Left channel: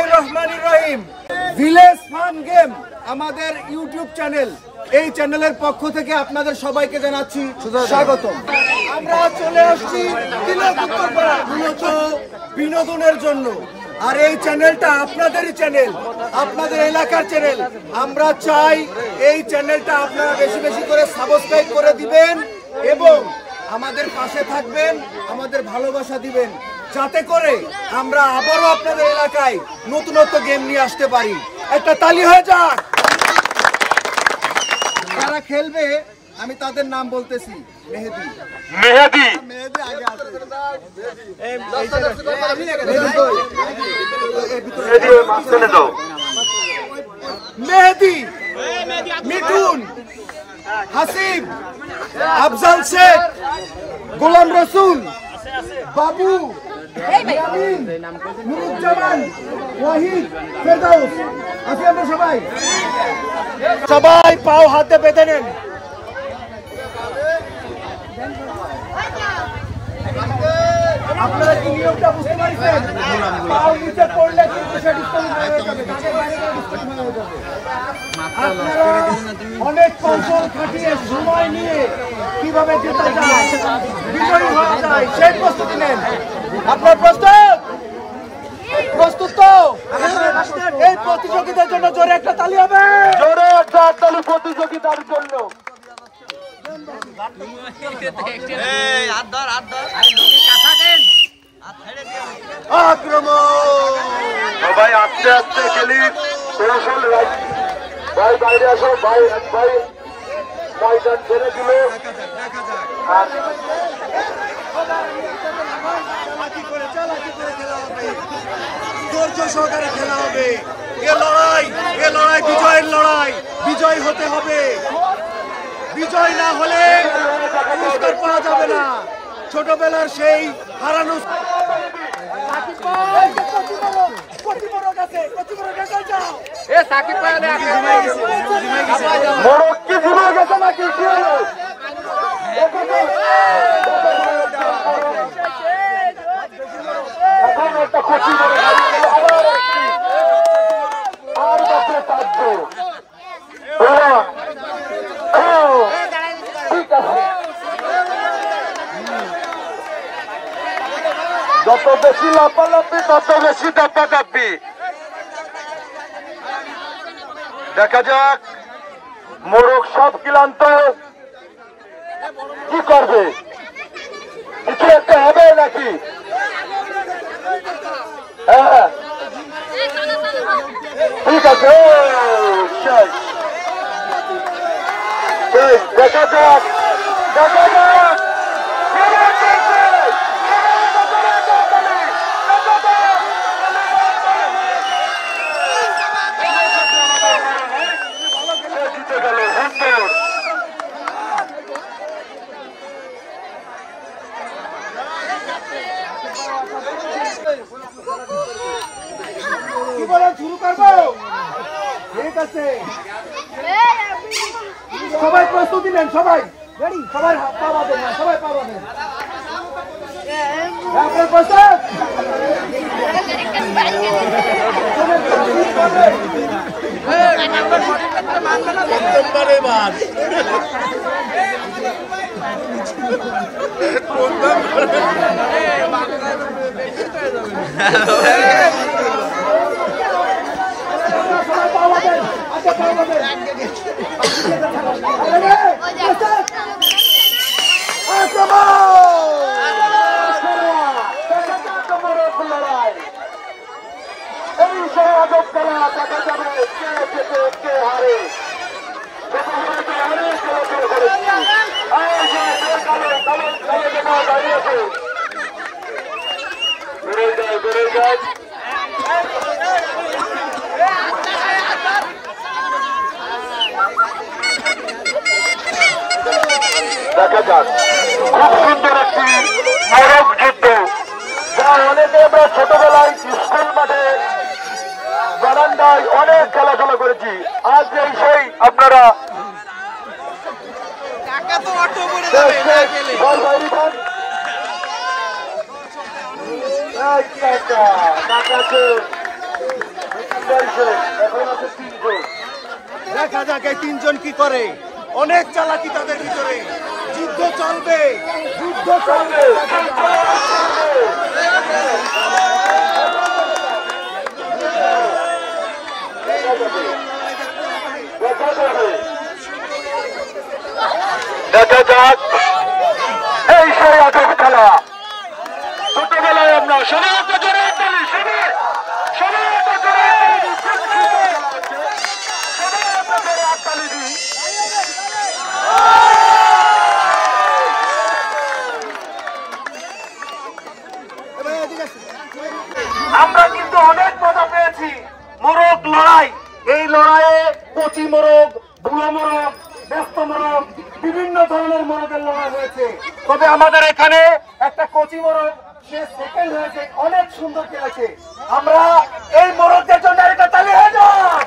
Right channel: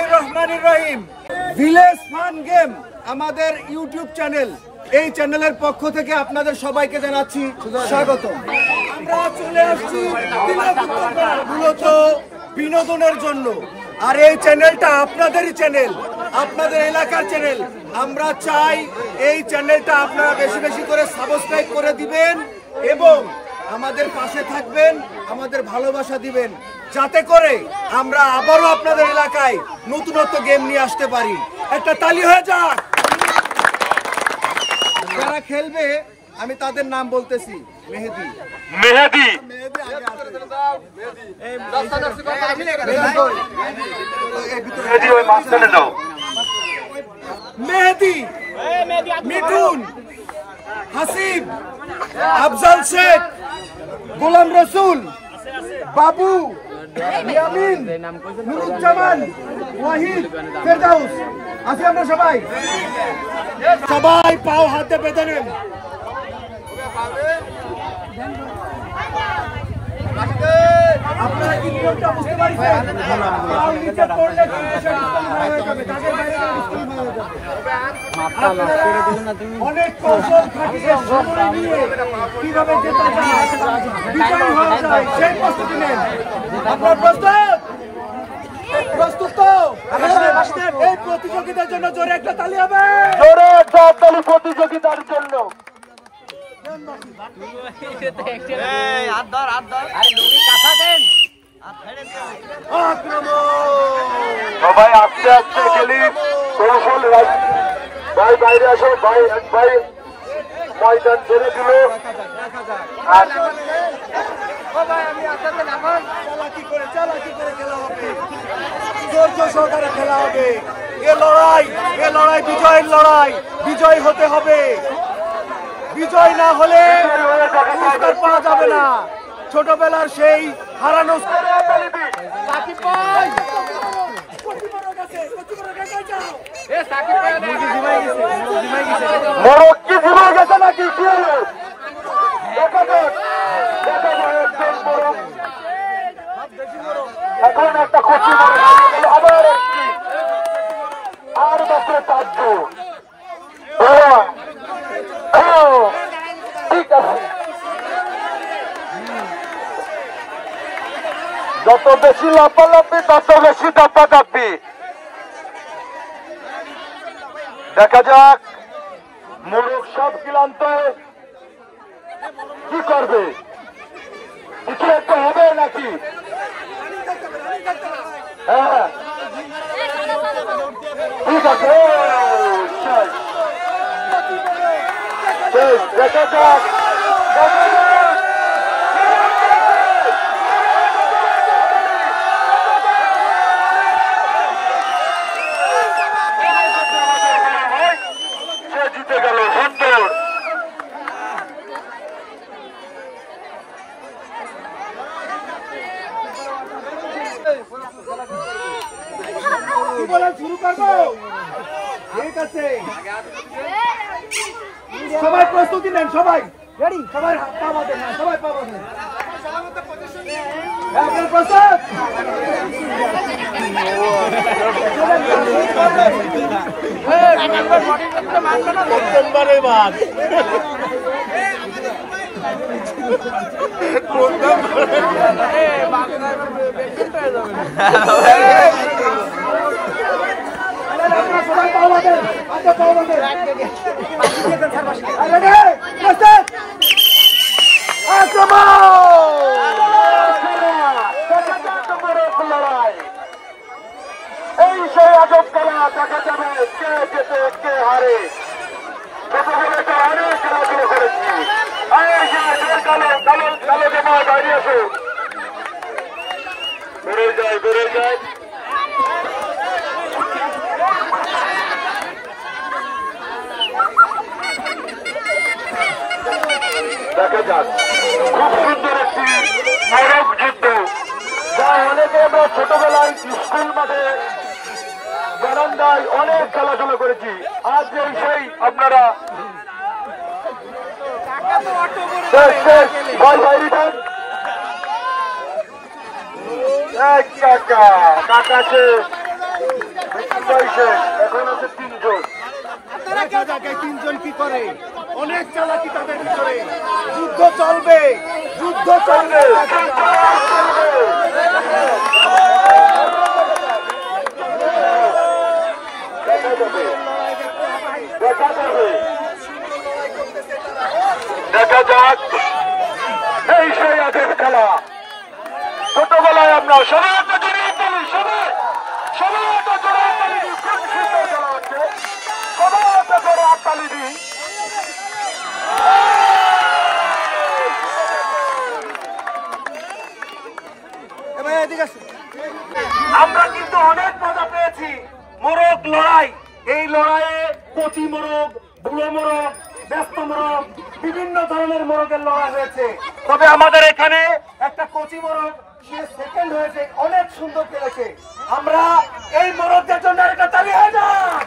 বিসমিল্লাহির রহমানির রহিম। Village fun game আমাদের ইউটিউব চ্যানেল, এই চ্যানেলের পক্ষ থেকে আপনাদের সবাইকে জানাচ্ছি স্বাগতম। আমরা চলে আসছি তিলক উত্তরপাড়া মূলত বিনোদনের জন্য, আর এই চ্যানেলটা আপনাদেরই চ্যানেল, আপনাদের এলাকার চ্যানেল। আমরা চাই এই চ্যানেলটা আপনারা বেশি বেশি করে সাবস্ক্রাইব করে দিবেন এবং আমাদের পাশে থাকবেন, আমাদের ভালোবাসা দিবেন, যাতে করে আমরা আবারও আপনাদের এলাকায় নতুনত্ব গেম নিয়ে আসতে পারি। একটা তালি হয়ে যাক। যারা খেলবে আমি তাদের নাম বলতেছি। মেহেদি, মেহেদি, মেহেদি, মিঠুন, হাসিব, আফজাল শেখ, গোলাম রসুল, বাবু, ইয়ামিন, নুরুজ্জামান, ওয়াহিদ, ফেরদাউস। আছি আমরা সবাই। সবাই পাও হাতে বেঁধে নেন। আপনারা কি নিয়মটা বুঝতে পারছেন? পাও নিচে পড়লে কিন্তু সে ডিসকোয়ালিফাই হয়ে যাবে, তাদের বাইরে গেলে ডিসকোয়ালিফাই হয়ে যাবে। আপনারা অনেক কৌশল খাটিয়ে সময় নিয়ে কিভাবে জেতা যায়, বিজয়ী হওয়া যায় সেই প্রস্তুতি নেন। আপনার প্রস্তুত? প্রস্তুত তো? এই প্রতিযোগিতার জন্য জোরে একটা তালি হবে। জোরে একটা তালি প্রতিযোগিতার জন্য। সবাই আস্তে আস্তে খেলি, কৌশল ভাই বাইরে এসে ভাই ভাই ময়দান ছেড়ে দিল। ধৈর্য সহকারে খেলা হবে। এ লড়াই বিজয়ের লড়াই। বিজয় হতে হবে, বিজয় না হলে পাওয়া যাবে না। ছোটবেলার সেই হারানো এখন একটা খুশি আর মাত্র 5 জন। ঠিক আছে, যত বেশি লাফালাফি তত বেশি দাপাদাপি। দেখা যাক মোরগ সব ক্লান্ত কি করবে, কিছু একটা হবে নাকি? হ্যাঁ ঠিক আছে, দেখা যাক। জিতে গেল হিন্টুর। কি বলেন, শুরু করবো? ঠিক আছে, সবাই প্রস্তুতি নেন। সবাই সবাই পাওয়া দেন, সবাই পাওয়া দেন। আপনার প্রস্তুত? সবাই পাওয়া দেন, আচ্ছা পাওয়া দেন। এই সে আজব খেলা, দেখা যাবে কে জেতে কে হারে। প্রতিযোগিতা অনেক খেলা শুরু করেছি। বাইরে আসে, বেড়ে যায়। দেখা যাক, খুব সুন্দর একটি মরক যুদ্ধ, যা অনেকে আমরা ছোটবেলায় স্কুল মাঠে বারান্দায় অনেক খেলাধুলা করেছি। আজ এই সেই আপনারা টাকা তো অটো করে যাবে না গেলে। টাকা আছে দেখা যাক এই তিনজন কি করে। অনেক চালাকি তাদের ভিতরে। যুদ্ধ চলবে, যুদ্ধ চলবে। দেখা যাক এই সেই আগের খেলা। ছোটবেলায় আমরা সবাই একটা জোরে তালি, সবাই একটা জোরে তালি দিই। খুব সুন্দর খেলা হচ্ছে, সবাই একটা জোরে তালি দিই। আমরা কিন্তু অনেক মজা পেয়েছি। মোরগ লড়াই, এই লড়াইয়ে কচি মোরগ, বুড়ো মোরগ, ব্যস্ত মোরগ, বিভিন্ন ধরনের মোরগের লড়াই হয়েছে। তবে আমাদের এখানে একটা কচি মোরগ, সে সেকেন্ড হয়েছে, অনেক সুন্দর খেলেছে। আমরা এই মোরগদের জন্য একটা তালি হয়ে যাক।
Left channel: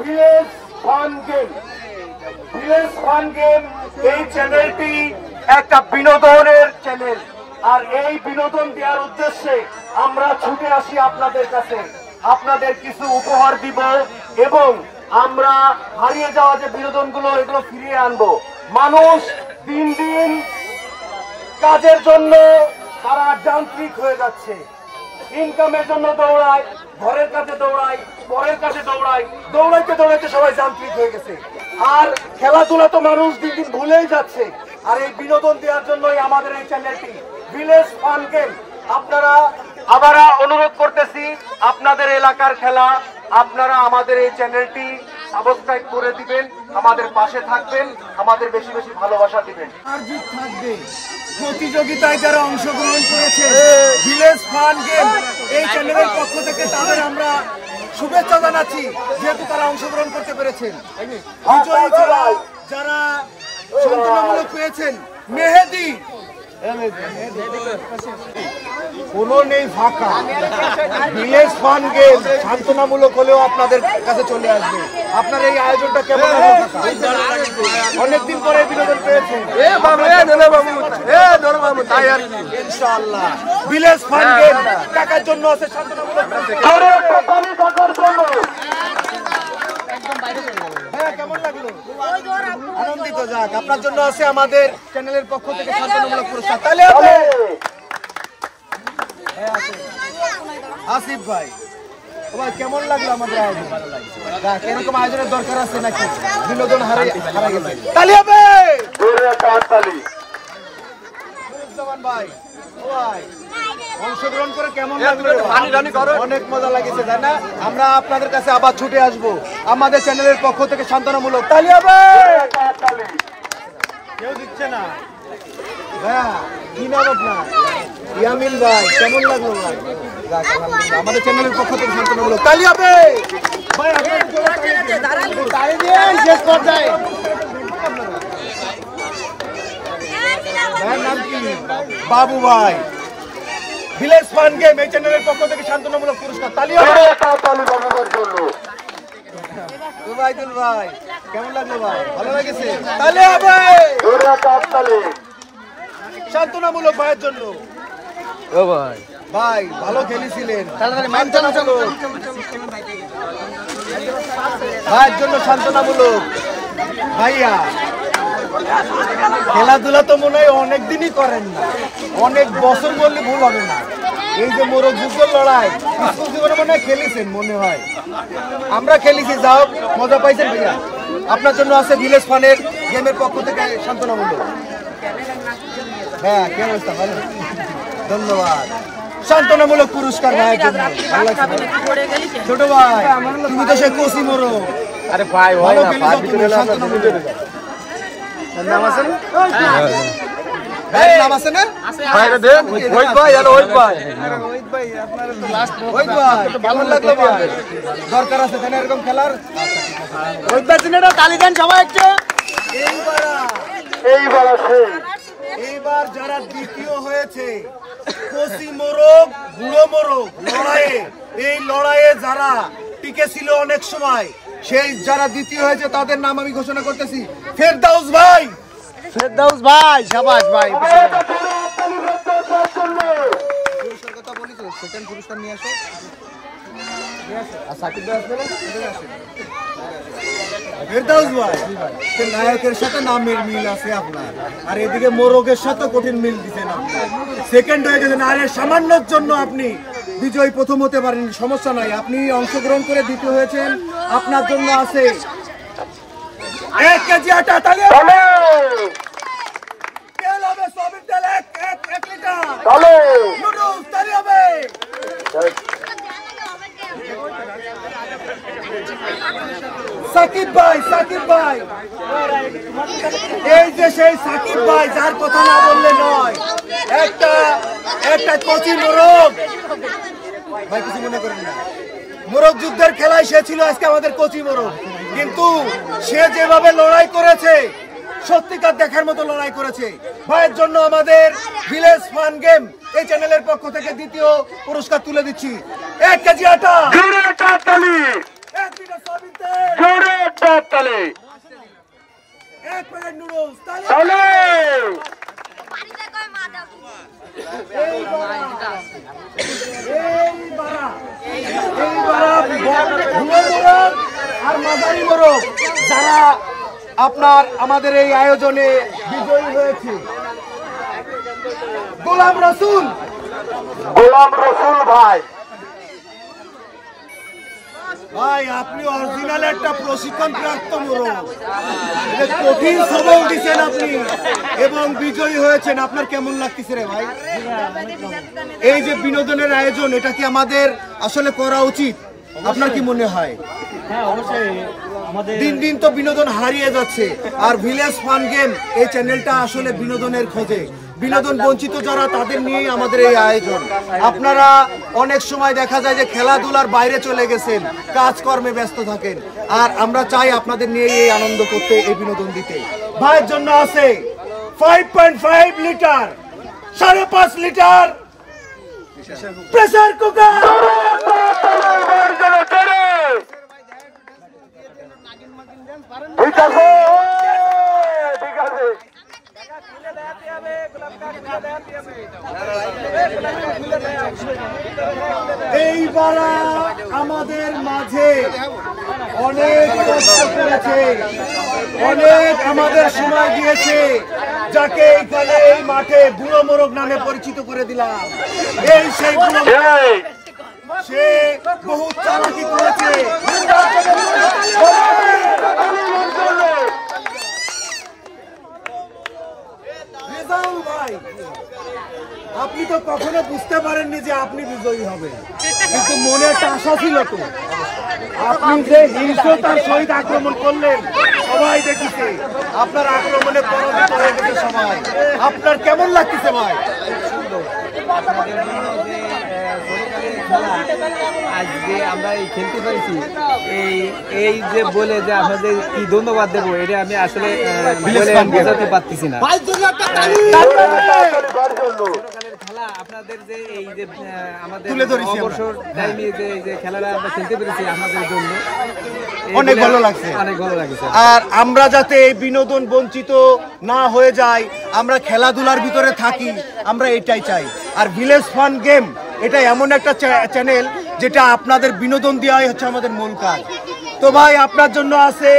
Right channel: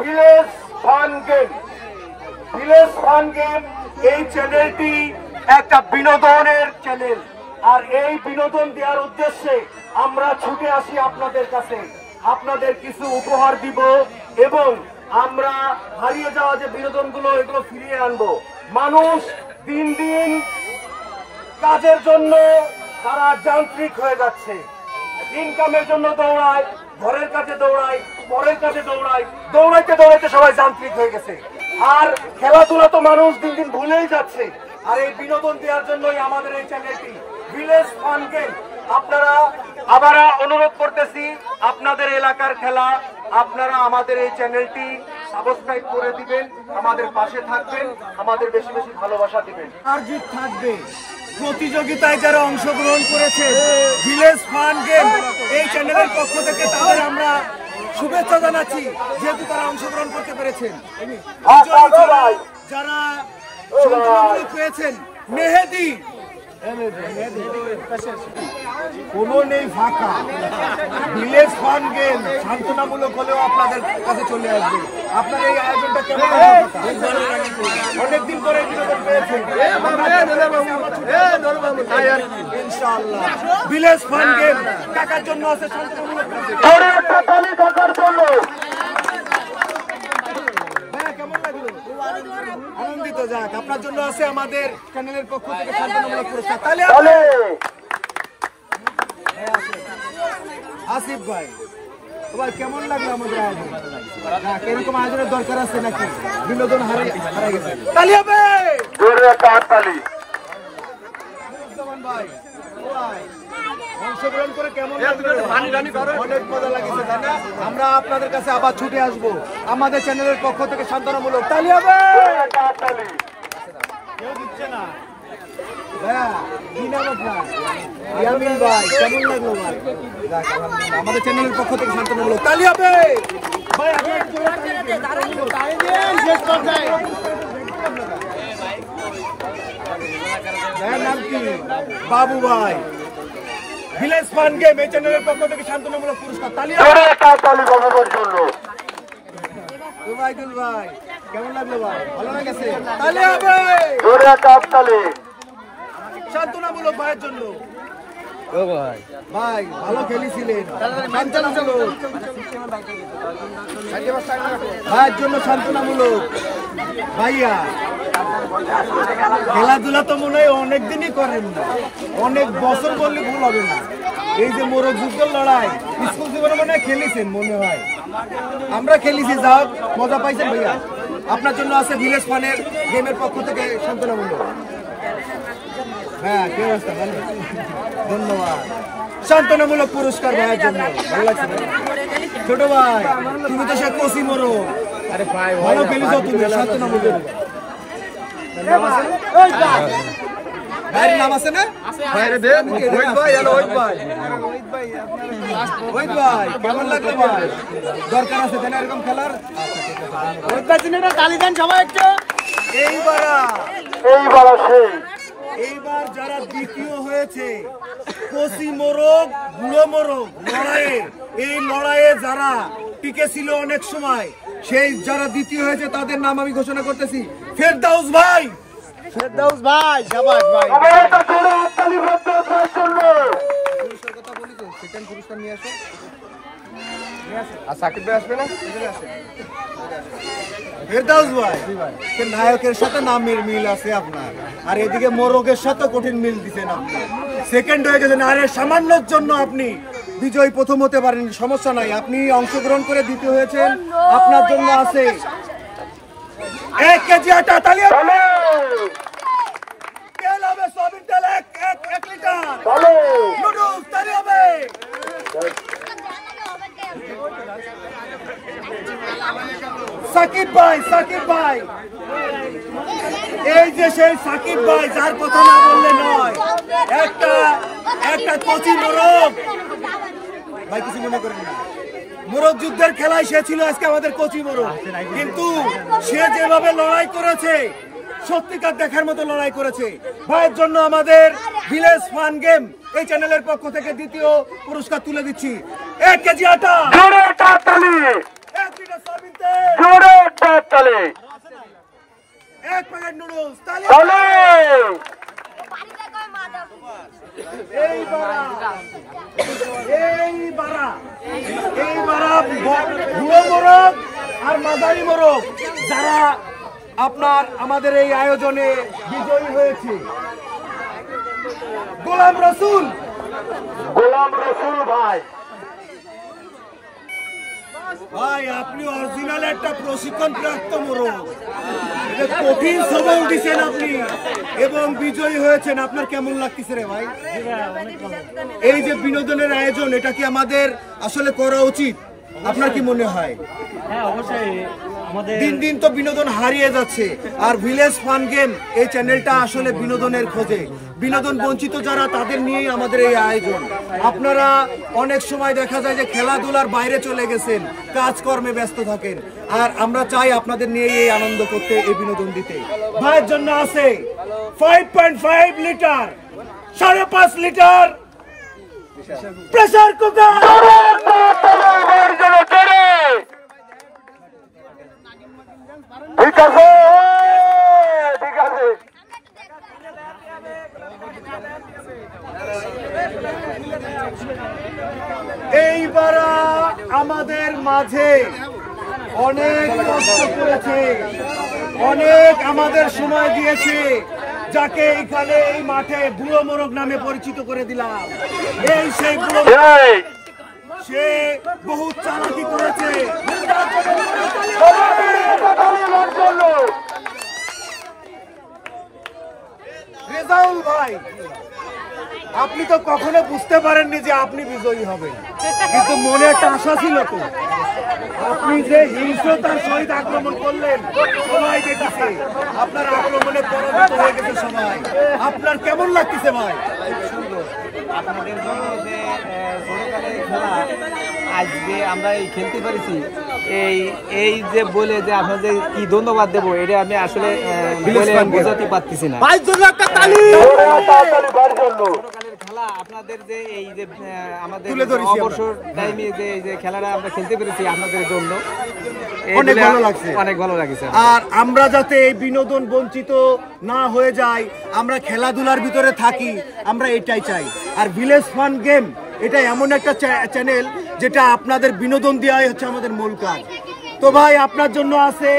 Village fun game, village fun game এই চ্যানেলটি একটা বিনোদনের চ্যানেল। আর এই বিনোদন দেওয়ার উদ্দেশ্যে আমরা ছুটে আসি আপনাদের কাছে, আপনাদের কিছু উপহার দিব এবং আমরা হারিয়ে যাওয়া যে বিনোদনগুলো এগুলো ফিরিয়ে আনবো। মানুষ দিন দিন কাজের জন্য তারা যান্ত্রিক হয়ে যাচ্ছে, ইনকামের জন্য দৌড়ায়, ঘরের কাছে দৌড়ায়, পরের কাছে দৌড়ায়, দৌড়াইতে দৌড়াইতে সবাই যান্ত্রিক হয়ে গেছে। আর খেলাধুলা তো মানুষ দিন দিন ভুলেই যাচ্ছে। আর এই বিনোদন দেওয়ার জন্যই আমাদের এই চ্যানেলটি ভিলেজ ফান গেম। আপনারা আবার অনুরোধ করতেছি, আপনাদের এলাকার খেলা আপনারা আমাদের এই চ্যানেলটি সাবস্ক্রাইব করে দিবেন, আমাদের পাশে থাকবেন, আমাদের বেশি বেশি ভালোবাসা দিবেন। আর জিত থাকবে। প্রতিযোগিতায় যারা অংশগ্রহণ করেছে ভিলেজ ফান গেম এই চ্যানেলের পক্ষ থেকে তাদের আমরা শুভেচ্ছা জানাচ্ছি, যেহেতু তারা অংশগ্রহণ করতে পেরেছেন। বিজয়ী ছাড়া যারা সান্ত্বনামূলক পেয়েছেন, মেহেদি কোনো নেই ফাঁকা। ভিলেজ ফান গেম সান্ত্বনামূলক হলেও আপনাদের কাছে চলে আসবে। আপনার এই আয়োজনটা কেমন হলো? অনেকদিন পরে বিনোদন পেয়েছেন। ইনশাআল্লাহ ভিলেজ ফান গেম টাকার জন্য আছে সান্ত্বনামূলক। কেমন লাগলো? আনন্দিত যাক, আপনার জন্য আছে আমাদের চ্যানেলের পক্ষ থেকে সান্ত্বনামূলক পুরস্কার। তাহলে আসিফ ভাই, ভাই কেমন লাগলো আমাদের আয়োজন? দেখ এরকম আয়োজনের দরকার আছে নাকি? বিনোদন হারা গেছে। তালি হবে। ভাই অংশগ্রহণ করে কেমন লাগলো? অনেক মজা লাগছে, তাই না? আমরা আপনাদের কাছে আবার ছুটে আসবো আমাদের চ্যানেলের পক্ষ থেকে সান্ত্বনামূলক। তালি হবে। কেউ দিচ্ছে না। হ্যাঁ, কি নাম আপনার? ইয়ামিন ভাই, কেমন লাগলো ভাই? আমাদের চ্যানেলের পক্ষ থেকে সান্ত্বনামূলক। তালি হবে ভাই। আপনাদের জন্য তালি দিন। শেষ পর্যায়ে ভাইয়ের নাম কি? বাবু ভাই। ভিলেজ ফান গেম এই চ্যানেলের পক্ষ থেকে সান্ত্বনামূলক পুরস্কার। তালি হবে। ওবাইদুল ভাই, কেমন লাগলো ভাই? ভালো লেগেছে? তালি হবে। সান্ত্বনামূলক ভাইয়ের জন্য। ও ভাই, ভাই ভালো খেলেছিলেন। সান্ত্বনামূলক ভাইয়ের জন্য সান্ত্বনামূলক। ভাইয়া খেলাধুলা তো মনে হয় অনেকদিনই করেন না, অনেক বছর বললে ভুল হবে না। এই যে মোরগ যুদ্ধের লড়াই স্কুল জীবনে মনে হয় খেলেছেন, মনে হয় আমরা খেলেছি। যাও, মজা পাইছেন ভাইয়া? আপনার জন্য আছে ভিলেজ ফানের গেমের পক্ষ থেকে সান্ত্বনামূলক। হ্যাঁ, কি অবস্থা? ভালো, ধন্যবাদ। সান্ত্বনামূলক পুরস্কার ভাইয়ের জন্য। ভালো লাগছে ভাই? ছোট ভাই, তুমি তো সে কচি মোরগ, ভালো খেলিস তুমি। সান্ত্বনামূলক ভাইয়ের নাম আছে না? ওই ভাই, কেমন লাগলো ভাই? দরকার আছে তাহলে এরকম খেলার। তালি দেন সবাই একটু। এইবার যারা দ্বিতীয় হয়েছে, কচি মোরগ, বুড়ো মোরগ লড়াইয়ে, এই লড়াইয়ে যারা টিকে ছিল অনেক সময়, সেই যারা দ্বিতীয় হয়েছে তাদের নাম আমি ঘোষণা করতেছি। ফেরদাউস ভাই, ফেরদাউস ভাই, শাবাশ ভাই। পুরস্কার কথা বলি তো, সেকেন্ড পুরস্কার নিয়ে আসো। আর সাকিব ভাই আসবে না? ফেরদাউস ভাই, নায়কের সাথে নামের মিল আছে আপনার, আর এদিকে মোরগের সাথে কঠিন মিল দিচ্ছেন আপনি। সেকেন্ড হয়ে গেছেন, আর সামান্যর জন্য আপনি বিজয় প্রথম হতে পারেন, সমস্যা নাই, আপনি অংশগ্রহণ করে দ্বিতীয় হয়েছেন, আপনার জন্য আছে 1 কেজি আটা। তালিয়া তেল হবে, সয়াবিন তেল 1 লিটার। নুডলস তালি হবে। সাকিব ভাই, এই যে সেই সাকিব ভাই যার কথা না বললে নয়, একটা কচি মোরগ ভাই, কিছু মনে করেন না, মোরগ যুদ্ধের খেলায় সে ছিল আজকে আমাদের কচি মোরগ, কিন্তু সে যেভাবে লড়াই করেছে সত্যিকার দেখার মতো লড়াই করেছে। ভাইয়ের জন্য আমাদের ভিলেজ ফান গেম এই চ্যানেলের পক্ষ থেকে দ্বিতীয় পুরস্কার তুলে দিচ্ছি। 1 কেজি আটা, 1 লিটার সয়াবিন তেল, 1 প্যাকেট নুডলস। এইবার বুড়ো মোরগ আর মাঝারি মোরগ যারা আপনার আমাদের এই আয়োজনে বিজয়ী হয়েছে, গোলাম রসুল ভাই, আপনি অরিজিনাল একটা প্রশিক্ষণ প্রাপ্ত মোরগ, কঠিন সবল দিচ্ছেন আপনি এবং বিজয়ী হয়েছেন। আপনার কেমন লাগতেছে রে ভাই? এই যে বিনোদনের আয়োজন, এটা কি আমাদের আসলে করা উচিত? আপনার কি মনে হয়? হ্যাঁ, অবশ্যই। দিন দিন তো বিনোদন হারিয়ে যাচ্ছে, আর ভিলেজ ফান গেম এই চ্যানেলটা আসলে বিনোদনের খোঁজে, বিনোদন বঞ্চিত যারা তাদের নিয়েই আমাদের এই আয়োজন। আপনারা অনেক সময় দেখা যায় যে খেলাধুলার বাইরে চলে গেছেন, কাজকর্মে ব্যস্ত থাকেন, আর আমরা চাই আপনাদের নিয়ে এই আনন্দ করতে, এই বিনোদন দিতে। ভাইয়ের জন্য আছে 5.5 লিটার, 5.5 লিটার প্রেসার কুকার। ঠিক আছে। এইবার আমাদের মাঝে অনেক কষ্ট করেছে, অনেক আমাদের সময় দিয়েছে, যাকে এখানে এই মাঠে বুড়ো মোরগ নামে পরিচিত করে দিলাম। এই সেই বুড়ো, সে বহু চালাকি করেছে। রেজাউল ভাই, আপনি তো কখনো বুঝতে পারেননি যে আপনি বিজয়ী হবেন, কিন্তু মনে একটা আশা ছিল তো। আপনি যে হিংস্রতার সহিত আক্রমণ করলেন, সবাই দেখেছে আপনার আক্রমণে পরাজিত হয়ে গেছে সবাই। আপনার কেমন লাগতেছে ভাই? খুব সুন্দর। আপনাদের জন্য যে ছোটকালের খেলা আজকে আমরা এই খেলতে পারছি, এই যে বলে যে আপনাদের কি ধন্যবাদ দেবো, এটা আমি আসলে বলে বোঝাতে পারতেছি না। ছোটকালের খেলা আপনাদের যে এই যে আমাদের অবসর টাইমে যে খেলাটা আমরা খেলতে পেরেছি আপনাদের জন্য অনেক ভালো লাগছে, অনেক ভালো লাগছে। আর আমরা যাতে এই বিনোদন বঞ্চিত না হয়ে যাই, আমরা খেলাধুলার ভিতরে থাকি, আমরা এটাই চাই। আর ভিলেজ ফান গেম এটা এমন একটা চ্যানেল যেটা আপনাদের বিনোদন দেওয়াই হচ্ছে আমাদের মূল কাজ। তো ভাই, আপনার জন্য আছে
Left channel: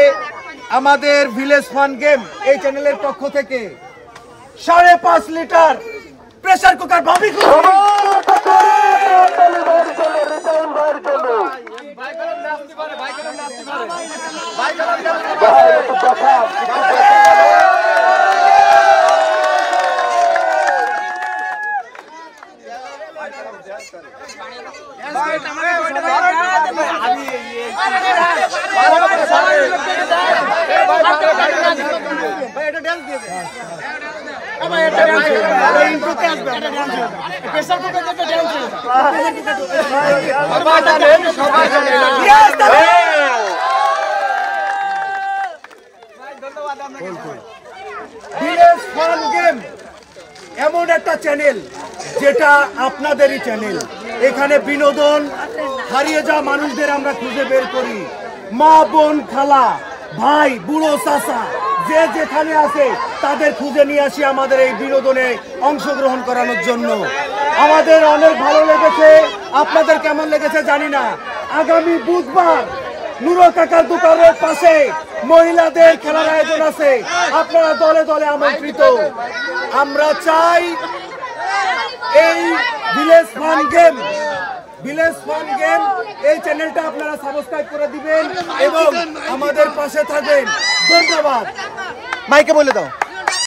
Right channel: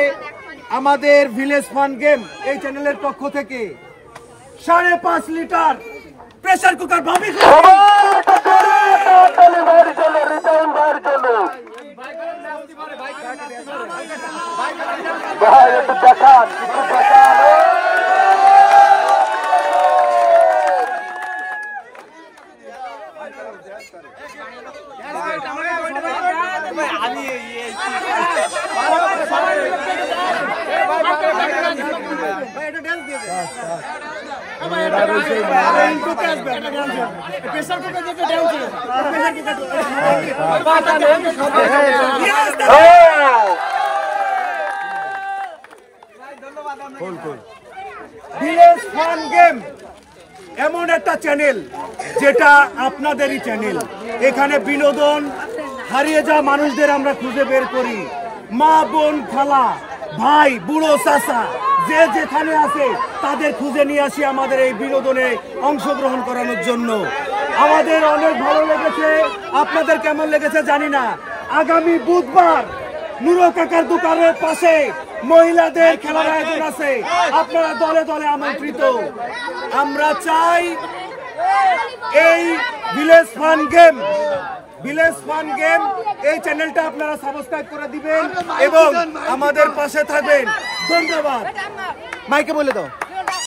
আমাদের ভিলেজ ফান গেম এই চ্যানেলের পক্ষ থেকে 5.5 লিটার প্রেসার কুকার ভাবি। ভিলেজ ফান গেম এমন একটা চ্যানেল যেটা আপনাদেরই চ্যানেল। এখানে বিনোদন হারিয়ে যাওয়া মানুষদের আমরা খুঁজে বের করি, মা বোন খালা ভাই বুড়ো চাচা যে যেখানে আছে তাদের খুঁজে নিয়ে আসি আমাদের এই বিনোদনে অংশগ্রহণ করানোর জন্য। আমাদের অনেক ভালো লেগেছে, আপনাদের কেমন লেগেছে জানি না। আগামী বুধবার নুরো কাকার দোকানের পাশে মহিলাদের খেলার আয়োজন আছে, আপনারা দলে দলে আমন্ত্রিত। আমরা চাই এই ভিলেজ ফান গেম এই চ্যানেলটা আপনারা সাবস্ক্রাইব করে দিবেন এবং আমাদের পাশে থাকবেন। ধন্যবাদ। মাইকে বলে দাও।